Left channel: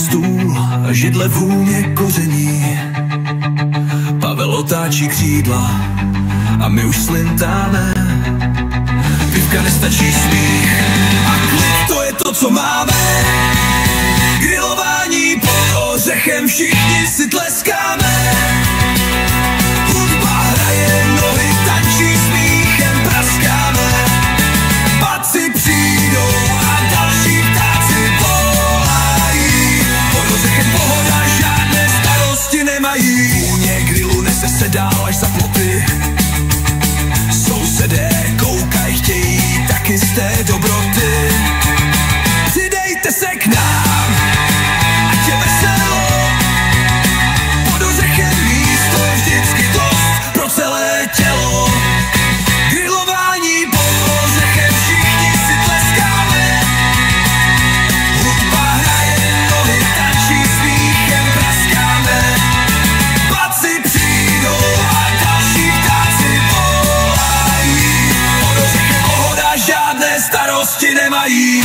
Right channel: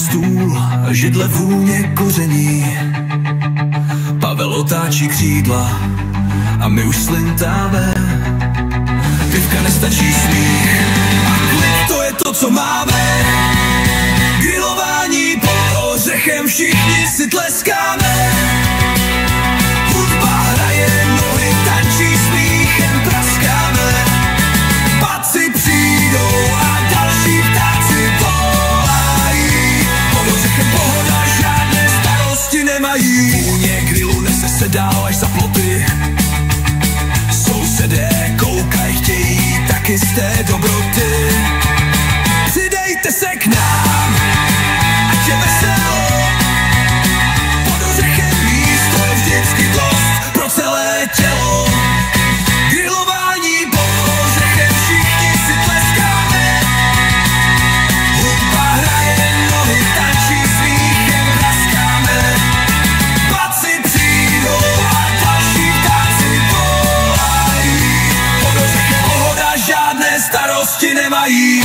stůl, židle vůně koření. Pavel otáčí křídla a my už slintáme. Pivka nestačí, smích a klid, to je to, co máme. Grilování pod ořechem, všichni si tleskáme. Hudba hraje, nohy tančí, smíchem praskáme. Paci přijdou a další ptáci volají. Pod ořechem pohoda, žádné starosti nemají. Vůně grilu nese se dál až za ploty. Sousedé koukaj, chtějí taky z té dobroty. Přidejte se k nám, ať je veselo. Pod ořechem místo je vždycky dost pro celé tělo. Grilování pod ořechem, všichni si tleskáme. Hudba hraje, nohy tančí, smíchem praskáme. Paci přijdou a další ptáci volají. Pod ořechem pohoda, žádné starosti nemají.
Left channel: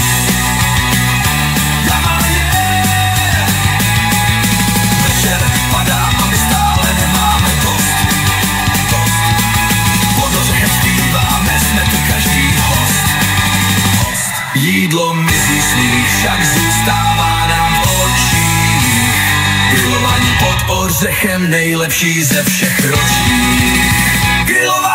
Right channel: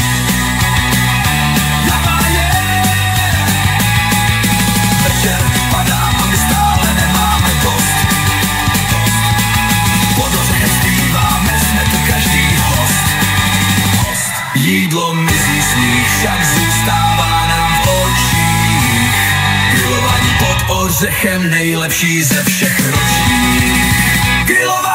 Večer padá a my stále nemáme dost. Pod ořechem zpíváme, jsme tu každý host. Jídlo mizí, smích však zůstává nám v očích. Grilování pod ořechem, nejlepší ze všech ročních. Grilování